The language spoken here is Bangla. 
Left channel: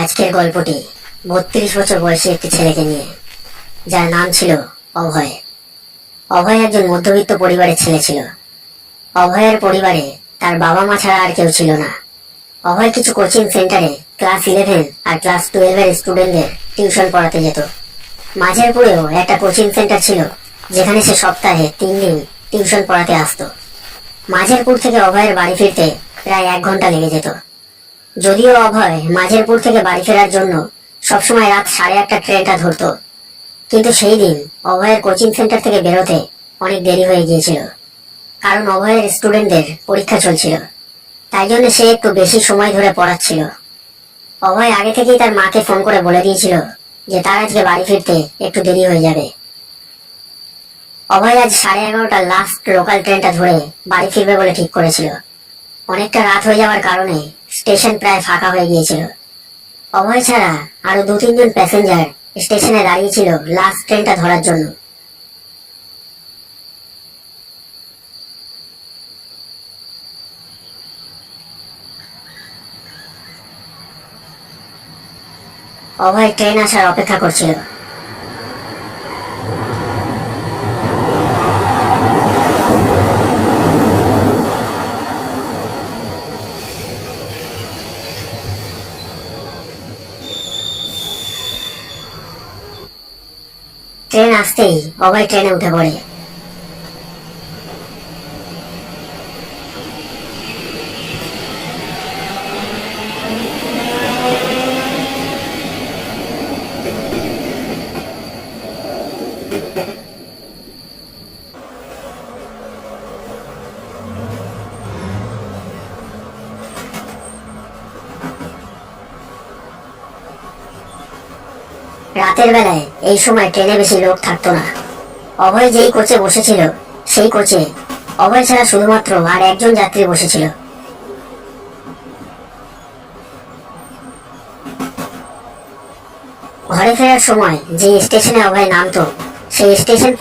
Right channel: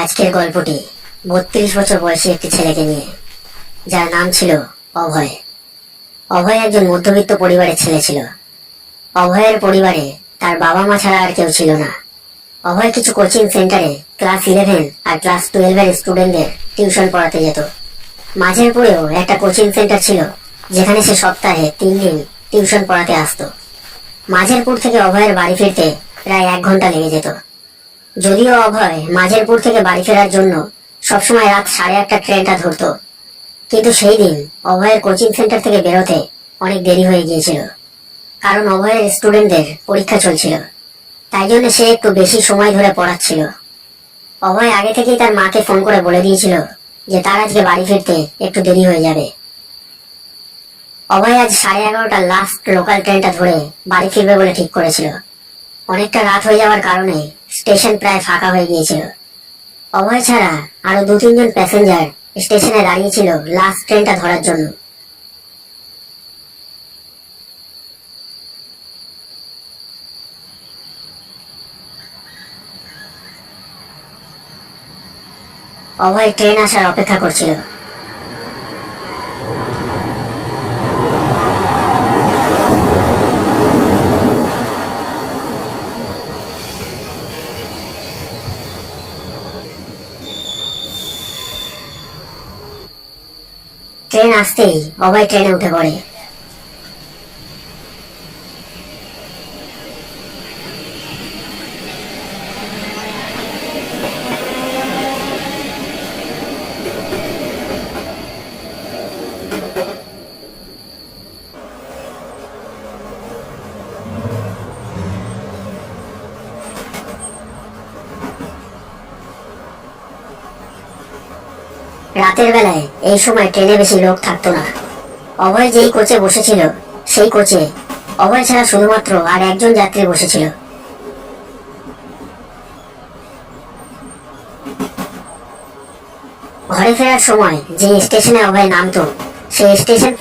আজকের গল্পটি ৩২ বছর বয়সী একটি ছেলেকে নিয়ে, যার নাম ছিল অভয়। অভয় একজন মধ্যবিত্ত পরিবারের ছেলে ছিল। অভয়ের পরিবারে তার বাবা মা ছাড়া আর কেউ ছিল না। অভয় কিছু কোচিং সেন্টারে ক্লাস 11 আর ক্লাস 12 স্টুডেন্টদের টিউশন পড়াতে যেত। মাঝেরপুরেও একটা কোচিং সেন্টার ছিল, যেখানে সে সপ্তাহে 3 দিন টিউশন পড়াতে আসতো। মাঝেরপুর থেকে অভয়ের বাড়ি ফিরতে প্রায় 1 ঘন্টা লেগে যেত। যদিও অভয় মাঝেরপুর থেকে বাড়ি ফেরার জন্য সবসময় রাত 8:30 ট্রেনটা ধরত, কিন্তু সেই দিন অভয়ের কোচিং সেন্টার থেকে বেরোতে অনেক দেরি হয়ে গিয়েছিল, কারণ অভয়ের স্টুডেন্টদের পরীক্ষা চলছিল। তাই জন্য সে একটু বেশি সময় ধরে পড়াচ্ছিল। অভয় আগে থেকেই তার মাকে ফোন করে বলে দিয়েছিল যে তার আজকে বাড়ি ফিরতে একটু দেরি হয়ে যাবে। অভয় আজ 11:30 লাস্ট লোকাল ট্রেনটা ধরে বাড়ি ফিরবে বলে ঠিক করেছিল। অনেকটা রাত হয়ে যাওয়ার কারণে স্টেশন প্রায় ফাঁকা হয়ে গিয়েছিল। অভয় ছাড়া আরো 2-3 জন প্যাসেঞ্জার স্টেশনে দাঁড়িয়েছিল লাস্ট ট্রেনটা ধরার জন্য। অভয় ট্রেন আসার অপেক্ষা করছিল। ট্রেন আসতেই অভয় ট্রেনে উঠে পড়ে। রাতের বেলায় এই সময় ট্রেনে বেশি লোক থাকতো না। অভয় যেই কোচে বসেছিল সেই কোচে অভয় ছাড়া শুধুমাত্র আর একজন যাত্রী বসেছিল। ঘরে ফেরার সময় যে স্টেশনে অভয় নামতো সেই স্টেশন